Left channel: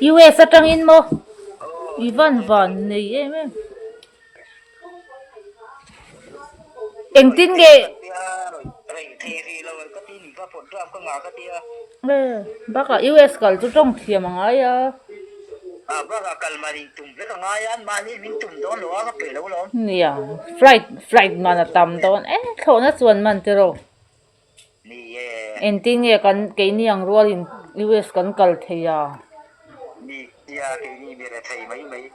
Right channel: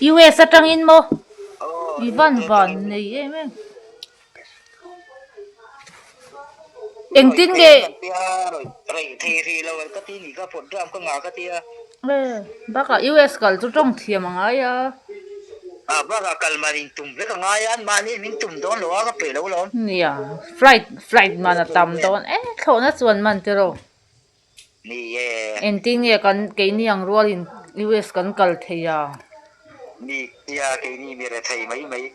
US atang in mo. Ivan van này em. Anh tin cái bác là US cả chú trong thiềm mà ngay à. Baka kalmarin tum ve ka ngayan mani min tum don lo ka pe lo lon Nè, flight mà là tầm đó. Thôi nó chuẩn mình thế rồi. ni Anh tin cái này ang ruột in US kan kal thế à. ni ya ke ni mi ra thai mai mai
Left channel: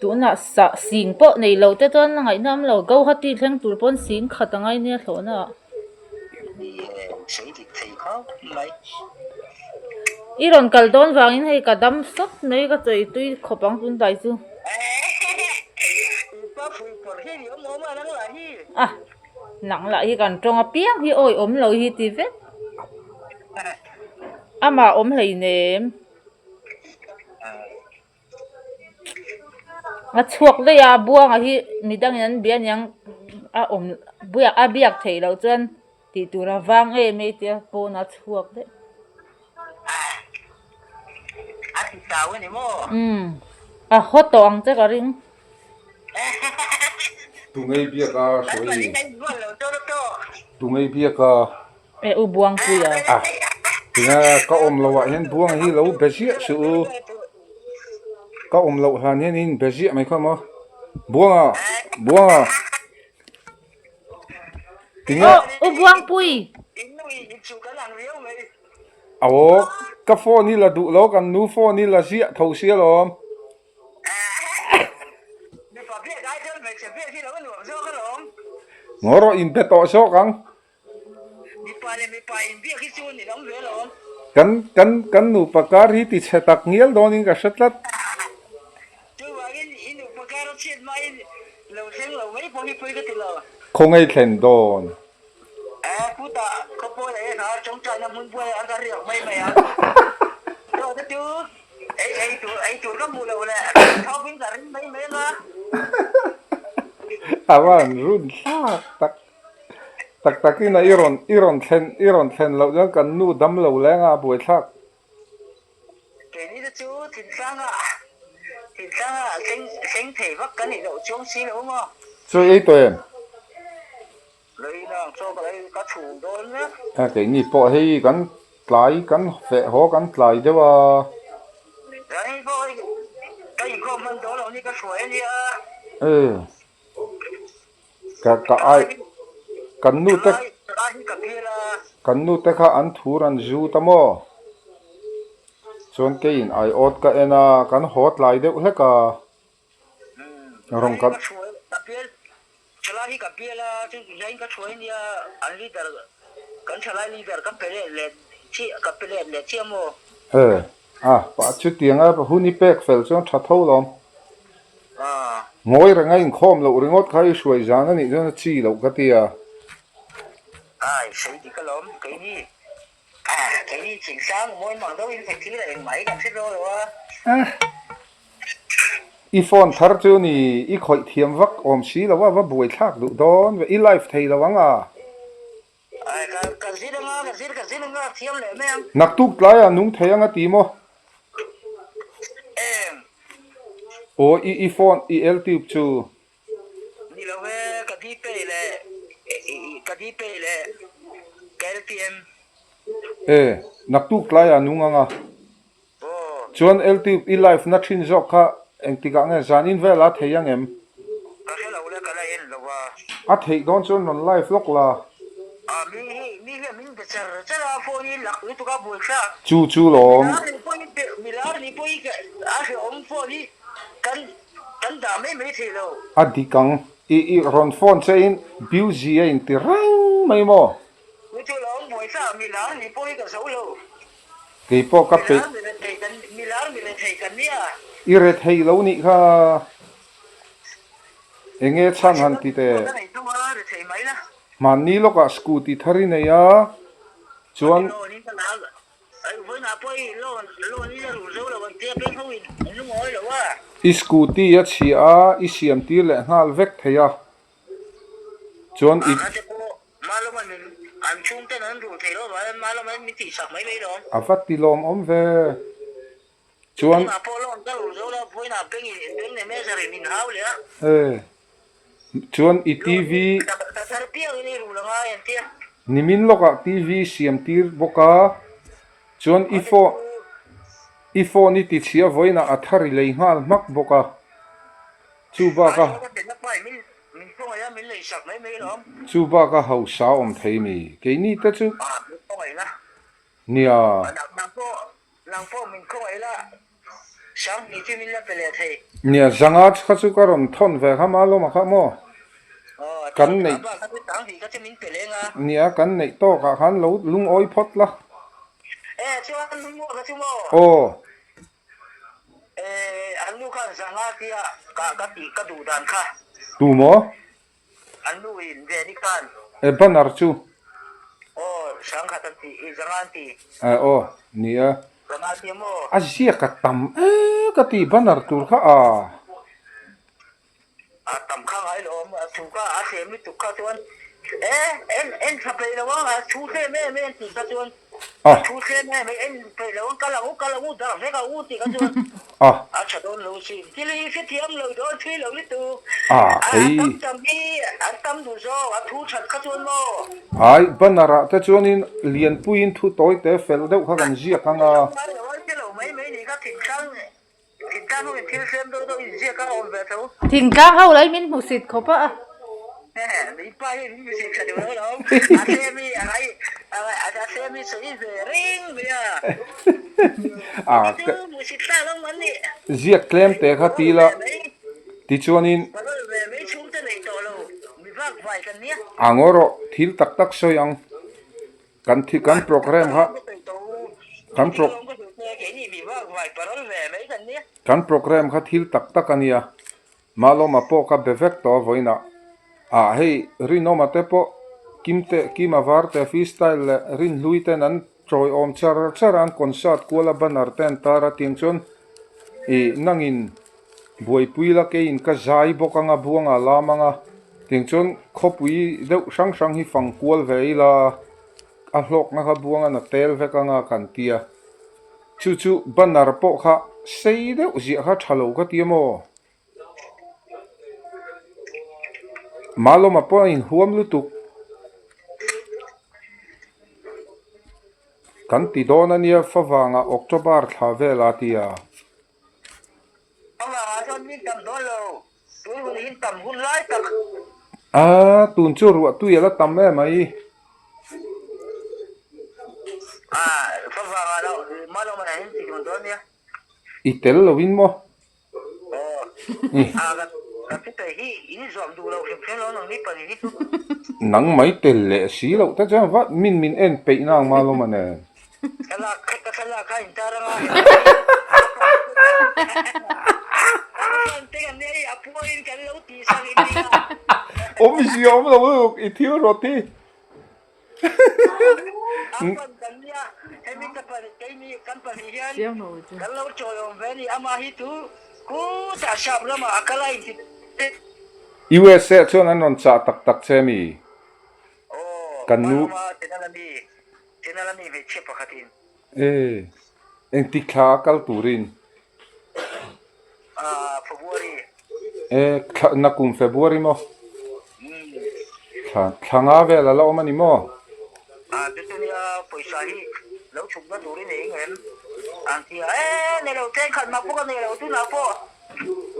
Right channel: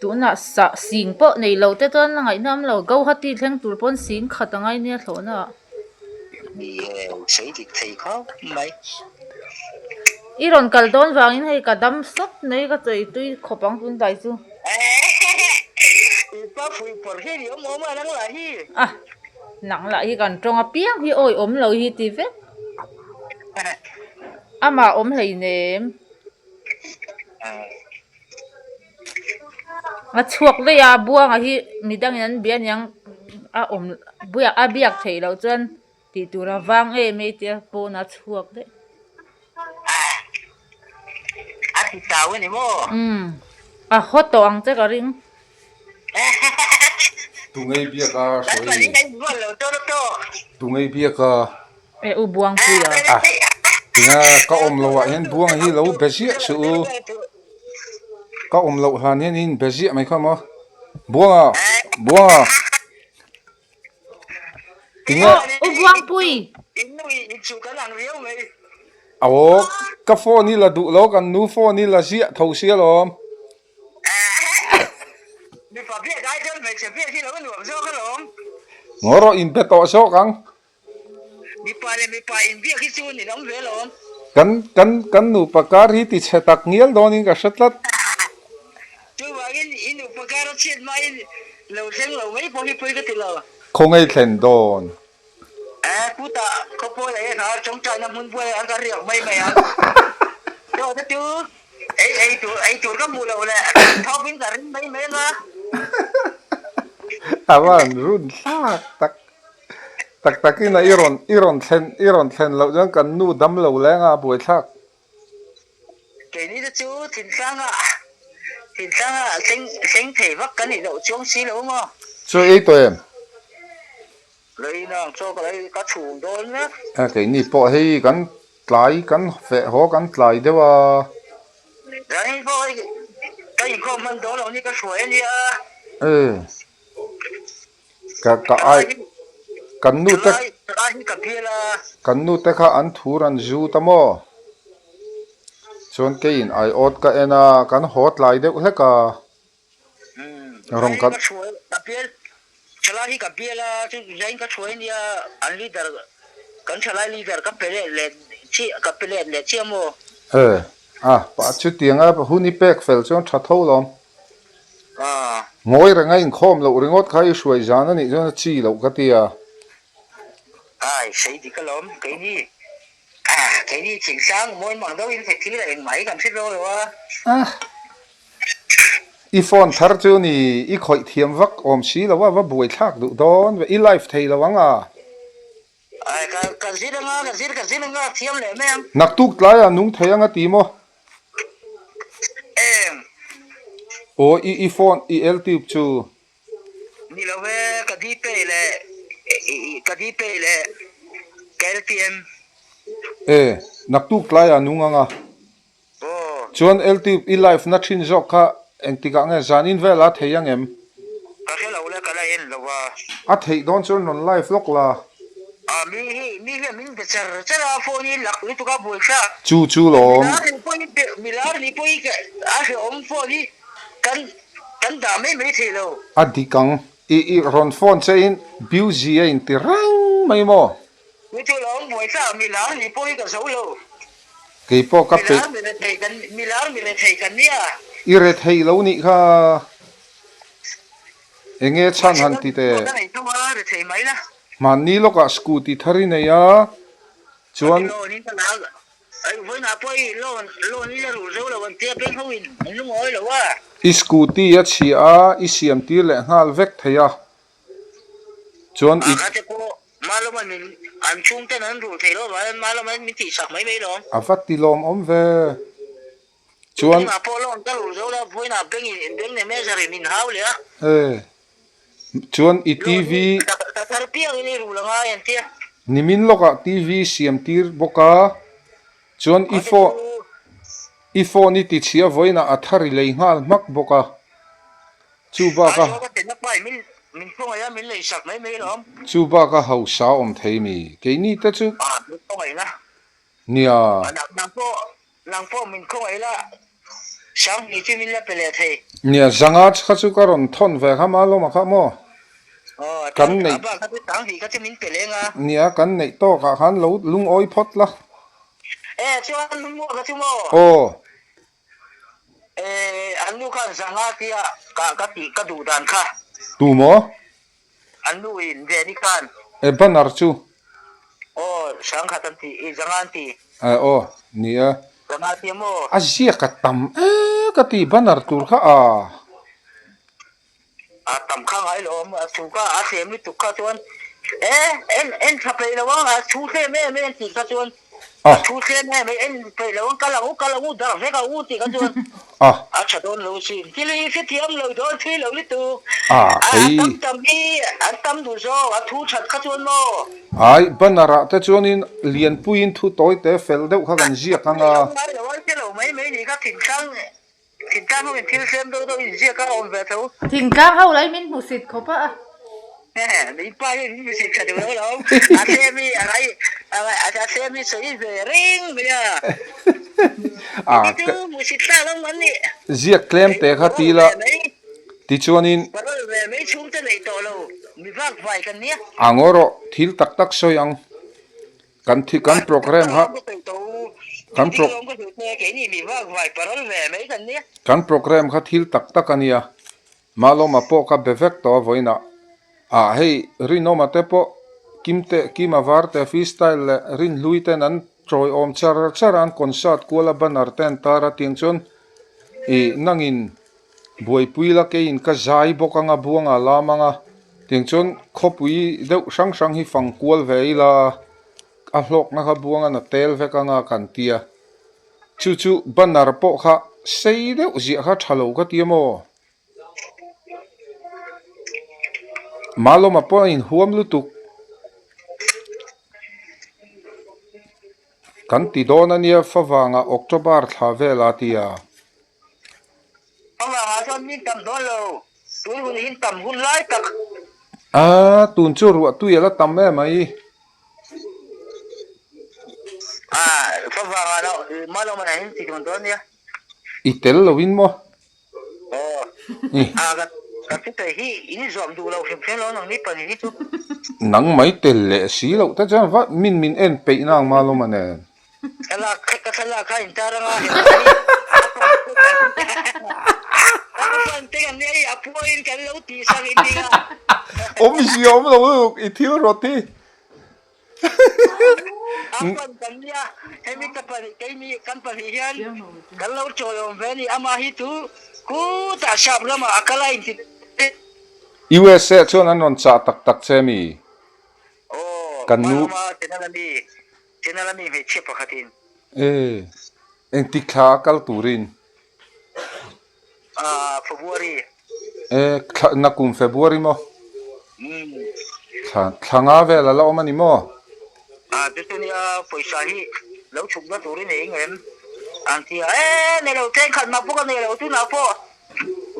Tụ na sa xing po này lâu thế tuần ngày năm lâu gấu hắt đi thằng tụ pon xing khát ngay nè thôi na. ni sei ti thai kho mai Iron kal don vang in hay kadam sop này cái chơi tui khopang tun dai chu. pa fui por he yo mo ma nang la hi À, nặng lại hi kan trong a piang hi oi lâu hi ti vet. Ama lấy nè. À chuộc đây à buang hi midang yan bian yang biak thei lo chen ti tu ra wang me ti po na chuộc đấy. ti tao ni mo À hot to ang che ka ring. Tu ngay biếc à soi. to Tu ngay biếc à. E u buang pui à. À. Tinga ka lâu à hen buang hi lâu bezi su. Ka lâu han hen in bezi mai ka mo. Buang à. Buang à. Tinga U buang pui. inui chu ka nang riu mai awo ka phone ni la du lo kan nu phone ni la zia thau sia lo. ni pa bia dai chen mai che bia thi lo nu zo ka lo Ngoro in pe to so kang. mi pa in bia khi chu ni nong ve lo Kan nu pakar hi ti chetak nial don in ka shatlat. tu wa in pa ka ro chen mai lo sen lo mai po hi po ka ti lo Không ai thèn don. puta ko po le ha chong cha na mun po an ka riak mai mai a yo ta tu ai tu ka mu lo le thau bin ka rin mai mai na Awan run tak tak ki na iron thlen lo jang kan nu dam lo lenga buai thak. ke ni ta chu tin sang a sen thể vak ka ni lo chong si lo mo So ei to em. lấy nó cho cái cá chủ đó nhé À cái ni po hei kan fe ho kan tlai dewa. đấy thôi cái gì không mình đó là như cái suối như Eh. Ka ai kan nu te ai như cà phê là kha an thur an zu tamo. Chuan ke in ai ot ka ena kan hot lai deuh hleka. Rong cái kan suối cà phê chả như cà phê là chứ cái suối như anh leader cái chả leader cà phê là chi cà phê là chi mo eh à pa chu tianga huni pek fel chuan tha tho lom. Ngoi ra ngay khom lo ringot khai suai jana ni jona chi lo ka tia. ai xây thì cái lắm cái gì chính sáng mỗi mảng đâu in phải thi là em máy cảm xúc rồi À i phone thar chu ni i khoi thiam vak om si lo wa buai thak du don ve i life thei lo wanga. ai cái gì đó nga thiam lệ mấy em Nak tuk tlai a nung thei anga ti mo. em O i phone i ltube chu. ni lo ve cái đi pe lệ cái tiêm Eh nak tuk tlai a nung anga. ô Chuan ltube i life na thin jok kha engtika nga zanin vela thei ang em. cái lâu là cái này em lo wa A thei don chuan non life lok la. mi bị chả là phone ni lạc ni tu ka bul sa Chu lom. mi la ni poi cái à cái ông phone ni kan da mấy thì lo Adikang i ron phone che in beauty in ti rang mai mo. mi tu lo ông bui sa mi la ni poi cái số lo Ke po ka pe mi la mi le thei kan ni à i re thei lo ni kha enge chan han ti te cái này tu ma le thei mai la man ni lo ka scooty thari ne ya chuan lo ni ta la ai với na poi lo ni la ru zo lo ban tia pe ho in lu ngoi lo wa i scooty ya chi a i siam ti le ngal vek theya chuan i cái cô malo mình ăn chung cái nó rủ thầy đó và malo mình thì sạc mấy mấy đó avat ti lom om ve chuan mà po lon ka lu zo la voi na beng ne me sari min hau le chuan i lo TV ta tar pia ni ru la nga en tia nimin loka TV siam tir boka chuan o te tu ifo ni ti chia voina athari lei ngal mak boka chu ba a ka zo ka te na pai min ko ya min le sak mai me lom chu ba ka hau sa om thei mi ke ni ta chu a min ko ai na nia nang po min ko ai la sang ni chi min la pele thei nia zanga kha chu ka ron thon ve kha ma lo ma kha mo o kan nei ba ka tu tang hi ka chi min pele nga nia kan nei to ka khan lo lung oi phot la chu an mo ka chu mo o an lu kan zanga tia ka ti ka du dan kha tu mo an lu in ve ni kan e banar chu o sang kha tan ti zanga ti o nia zanga ti mo azia ka tam ka ti banar tur kha tam khang ai lo ma su ka a se mi tu ka chuan en tha pe lo wa chu se me ti ka chuan chu se me en pe lo ka la u da ve ka u ti ka chuan a cha don lo si ti li se tiam lo do thi lo li tu tam bi tam du zo a thu chat ka chuan mo ai banara ta chuanin lian puin thu toy te fel deuh kha kan zia kanga lo mai ni ka thìn kang ho thil sem do in zia ka on ve tho thìn kang ho lấy min mu sit khopa mi pa ni se ka do lo a se mi a se mi se ve ring me ya tu mu sit ta lo man ni zia klem te kha ti la ti chuanin pa lo ve me chung te nei to lo mi vak vai kan ni angoro thil tak tak soyang kan program ha kan program kha thil tak tak ania malo ma po ka bevek to voina hei rino ma te po kimte kima varte freestyle le rin luiten an troi om charan concert kuala banar ten tara tingchon nangin buai puila ke in ka zai bokanga buanga lamanga tingchon khopui deuh sang sang hi fang kual veila a hlok na kha buanga na tel vekanga kan tia chu banar po kha sei deuh zia kha thalo ka tiamo malo ma po in huam lutuk kan ti dona nia fawanga october thla vela tia tun chu ruwa tu yela tam me mai itel lovin mo nang mai tel le si lo ta chan va min en pe nang malo mane om si om lo i thiu roti USA chuan an non cha tak tak chemi kan nu en ti kha kal turin February na kum February mo thanga vela la omani mo tu ni paisa hi lo chuk na tur ni ngem an ti ne lo ten khat ma po ka ne lo tu na po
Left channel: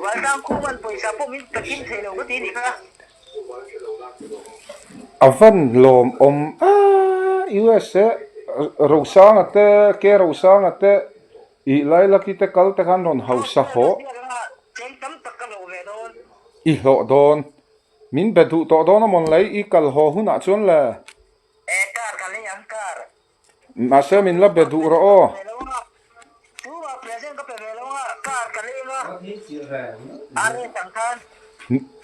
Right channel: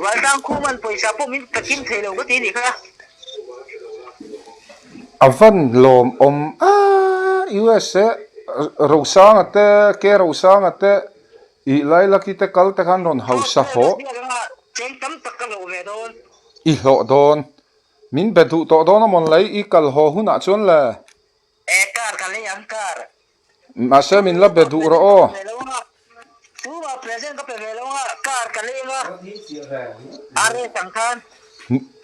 wa dang khu man paisa po min ta kim thelo ko ti ni kha avan lom om USA rosang ate ke rosang ate i laila ki te kal te kan non hausa ho i ho don min bedu to don mon lai i kal ho huna chon la kar kale am kar ma se min la bedu ro o tu wa present ka pe velo kar kale nga are sangkhan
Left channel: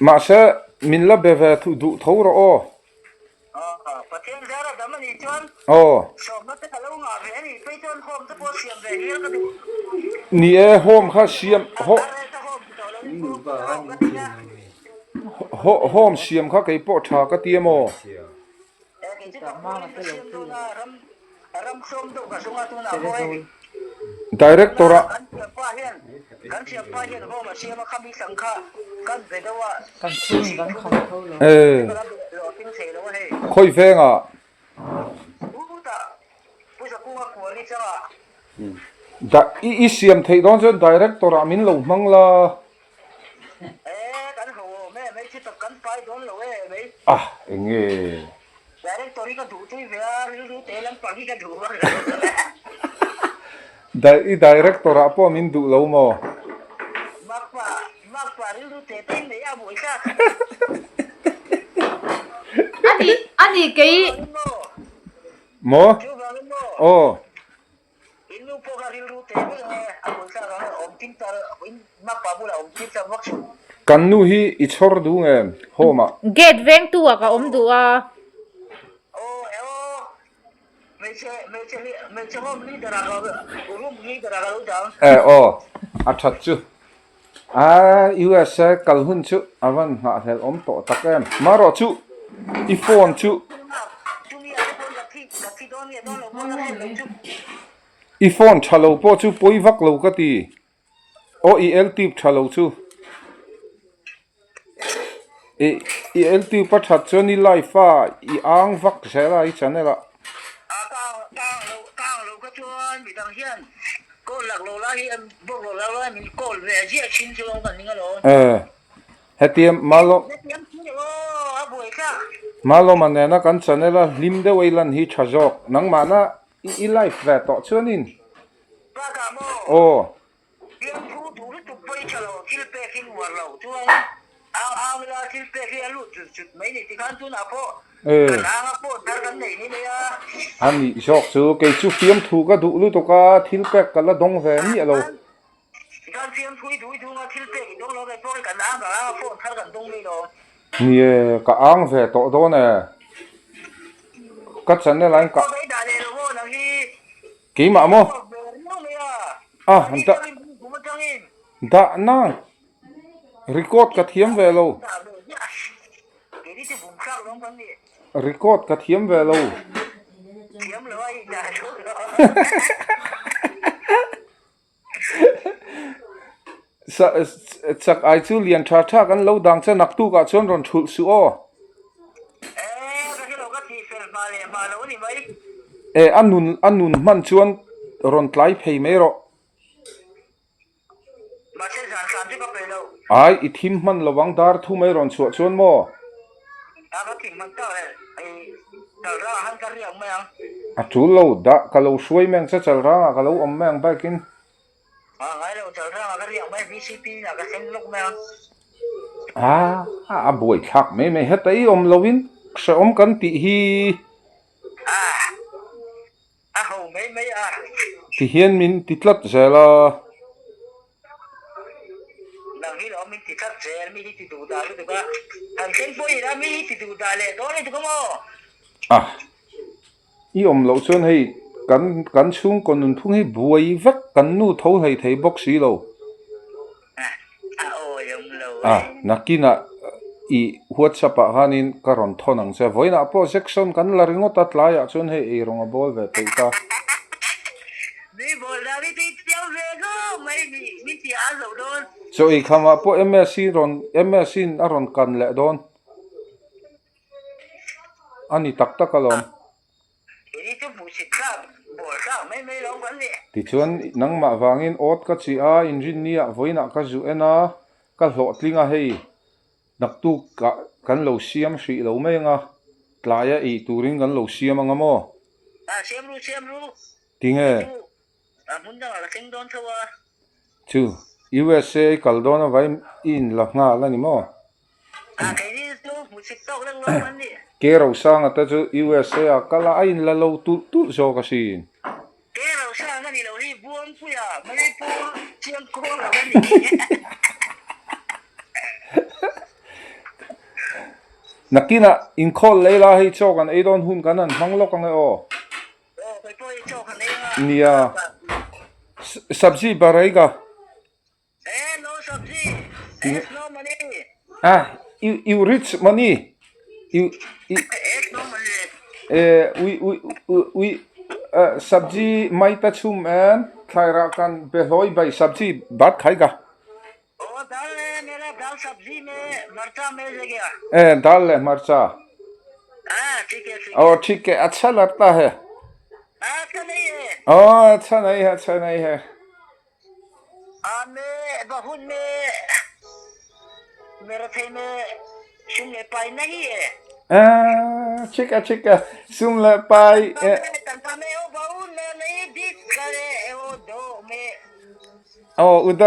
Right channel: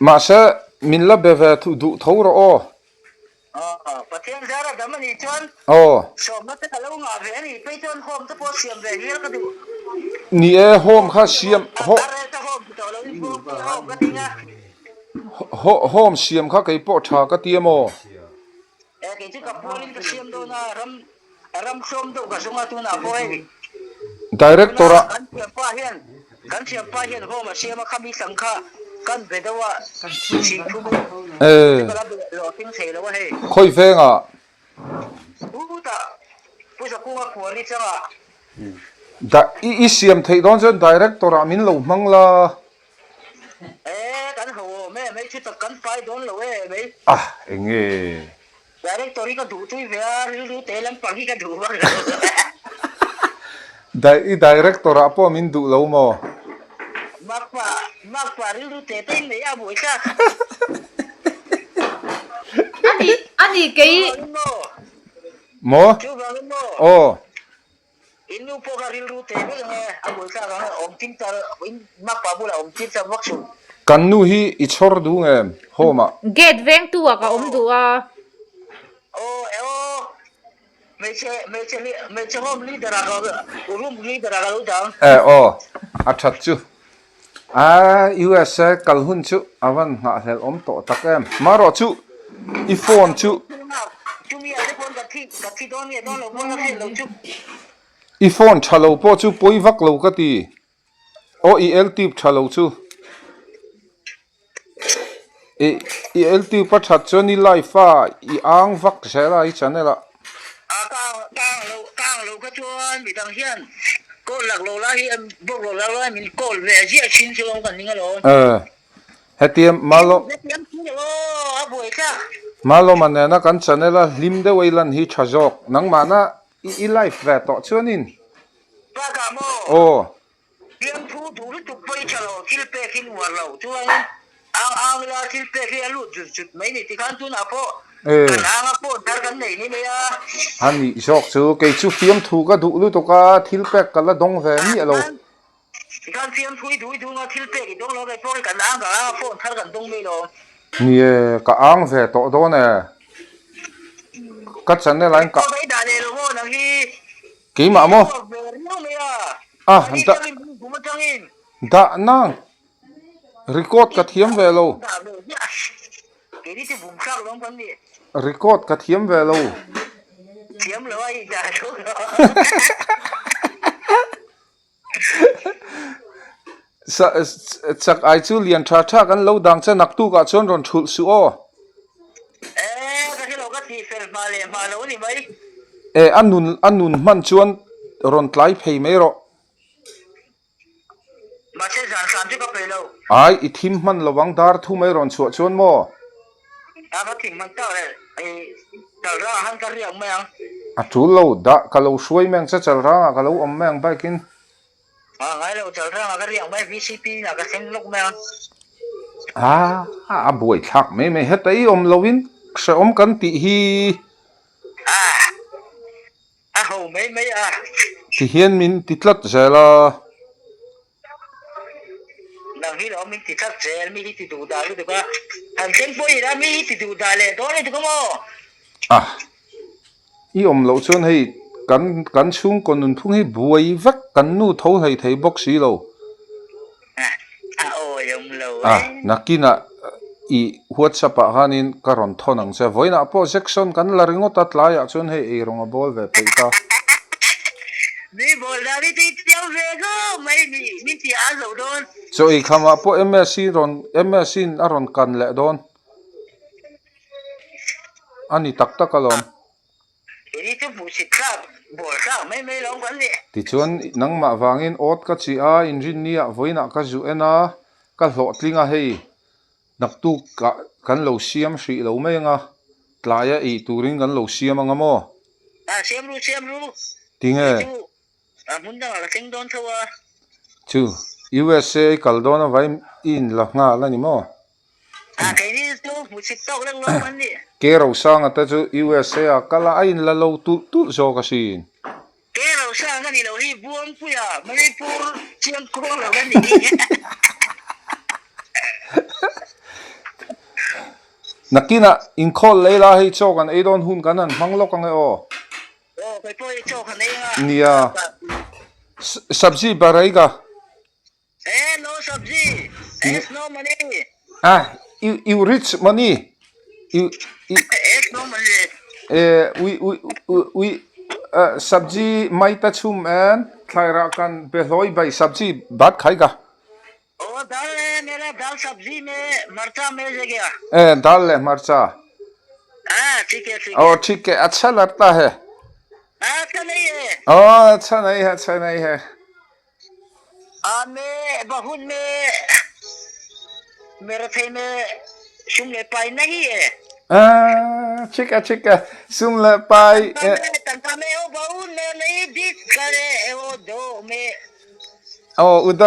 ma se min la beve tu du tho ro o patien zara damani chon so ma te kalo nga ve ni pe chon hom to po siam ve ni ka du ni e hom kha siam hom siam kha kai po tha ka tiamo ke chi ka po ni siam do na ram som do ka sunga tu na po ai directora pa kan siya pa hian ho ma siya ma khami sangkha kan bedawa kan chung kan lo ting sei lo he khoi venga ta pusa kunga kuari changa da i siam thei don chen director amin lo mangla kan ho me chu ta kan pai don lo me enge director ka du chui ve ru te lam pa ka du ba i director apo min du lo mo makpa ru te te me ya boi ka ani cái mo chu ba mo oh inu po ka ru te me a boi ka ga om tin ta makpa bula om tin ta wak su kan nu hi I chhor du nge homa gate veng tu ka om du a me che hom leader ga room leader ga lu dang a that chu US kalhun chu awan nga hel om to takem maro chu I phone chu chu mi a phone ka thi don ye don lo mo na lo chu I phone thalo po chu poi vak lo ka ti I el tip thalo chu I el tip pa that chu ni life I ang vak sela I chanela ka lo ka chuan mi dang hian ko lak lo la hi bo lo la min kol ve ji a chin chu kan ninga lo hetiam malo a boi ka malo manena kan chanela lim de weilan hi thajok nang mana I life ve to chuanin ba ka mo pian thu du lu tu pai chalo kil pe kin war lo chuan ang la kil pe ki alu chut mai ni ti kan tu na po ang po dar kan nei ni me ya ani jok chu ke chu fiam thu ka du lu to ka thil pek kala dong ve ni alo kan fiam thui du nga thil pe ki dong lo kai po kan ang ka po thar kan dong me lo ni ka ang ve to do ne ka channe lain ka ko dai da le lo na hi ki ma mo hanta da na record ka thiam ve lo record ka thiam ve lo thiam lo ai da so chak ai chu lian tha tha kan lo dang cha nak tu ka chon ron thul su o ka lo ka thi fel ma lo ni mai anun man chuan ron tlai phei mai ro ma se san san ti ka pe lo ai I thim man lawang dar thu mai ron chuan mo ka thing man ta ai ta ra han ka riang mai ang thu lo da ka lo suai meng cha chal ra ka lo om meng ba kin ngai lo chal ra ka riang mai VCP na ka seng lok mai boi thak me hetai om lovin se om kan ti hi ho mai ti hian min ti tlat zela nang hi lo min ti thak zel mi hi ti du da lu ka han seng poi ra mi hi ti du da le do le tu ko mo I om lo chon hei kan chung kon nun phung hi buai vek kan nu tho hei thei box si lo yom lo nakina I WhatsApp hanin karon thonang se voina po section kan la ringo ta tlaya chon hei e ronga bol ve peita mi bol da ni ti tiao ve go mai mi ti a zo don so I khama po MSC aron kan le don ani tak takalom ini tu musik ka bol ka mai long kan ni ti chuan nang ma wangin ot ka chi a engineer voina ka zu ena ka hlo tlinga hei naktu ka kan lo siam hri lo mai nga tlaya I turin kan lo siam anga mo siam ru tinge mun da la seng don thawa chu USA kaldona vai in la nga la ni mo cái đi tu musik tao lang lo kan ni ke ro sang ata chu USA kala ain la lo tu zo ka sin ke lo sa nga ni lo hi buang pu ya mai pu chiang ko lo kan ni nakina in call leila hei chokan e don hun kanan manglok ang o kai po cho kan nei nga nia sabji baraiga no sabji no money you rich money you no money we sabji mai ta chum an thaira kan beloi bai sabji bat khai ga दाल है मेरा दाल सब्जी में मरचा मिल गया दाल है मरचा हाँ ठीक है ठीक है अच्छा लगता है अच्छा नहीं है अच्छा नहीं है अच्छा नहीं है मैं बहुत में मेरे थे में सुनने पाई नहीं है ठीक है सुन ले पाई तंका में वो बहुत में नहीं दिख करे वो दो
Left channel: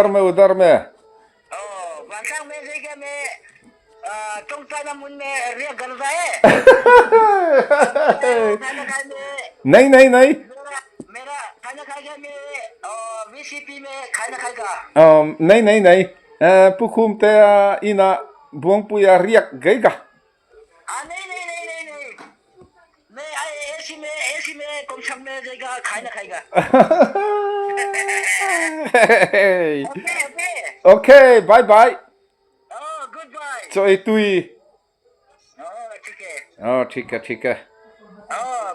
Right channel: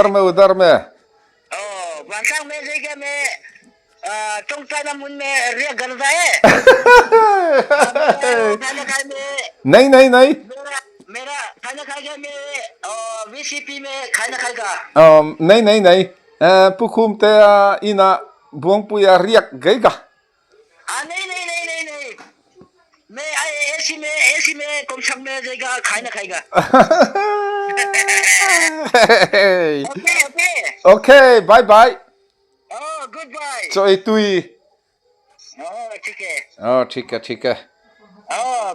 में उधर में वांसा में से क्या मैं चौंका ना मुन में रिया करता है खाना खाए में नहीं मेरा खाना खाएगा मैं वीसीपी में खाना खाएगा नहीं पुkum te ina buang puya riak gaiga नहीं मैं ऐसी में कम शम में जाएगा खाना खाएगा okay bye bye good bye so itui ठीक है ठीक है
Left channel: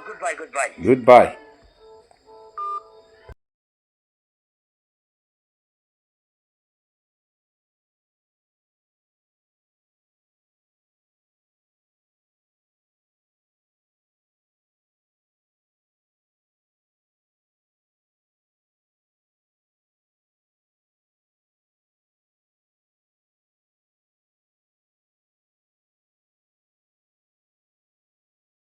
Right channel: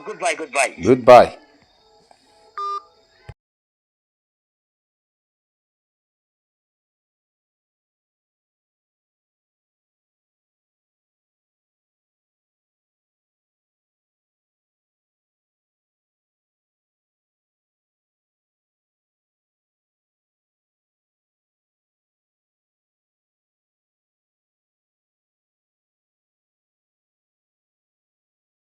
गुड बाय goodbye